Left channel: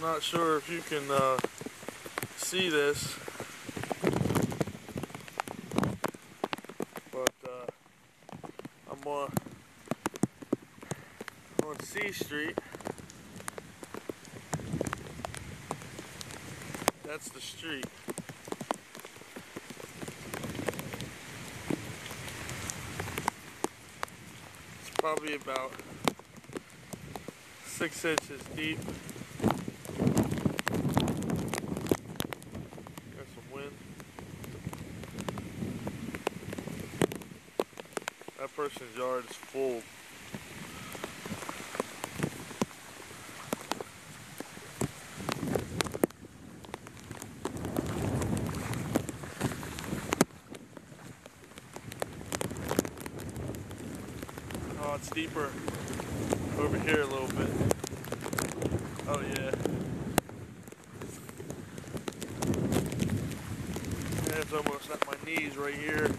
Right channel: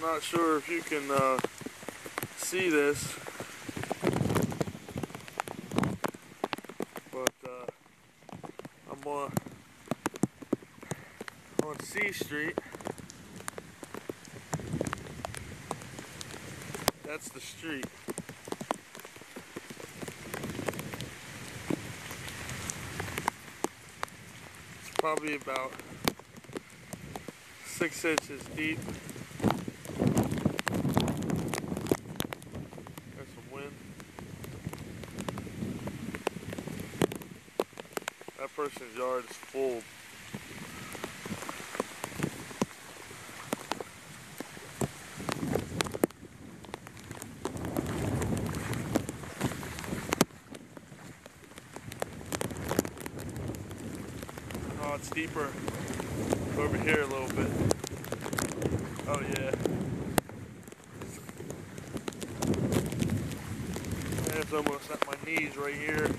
I'm not sure if you can see this, but I'm on C Street. That's the street. It's probably about 6 inches deep. Got some wind. That person's yard is full. Oh, it's deeper over here a little bit. Oh yeah. It's almost at my knees right here.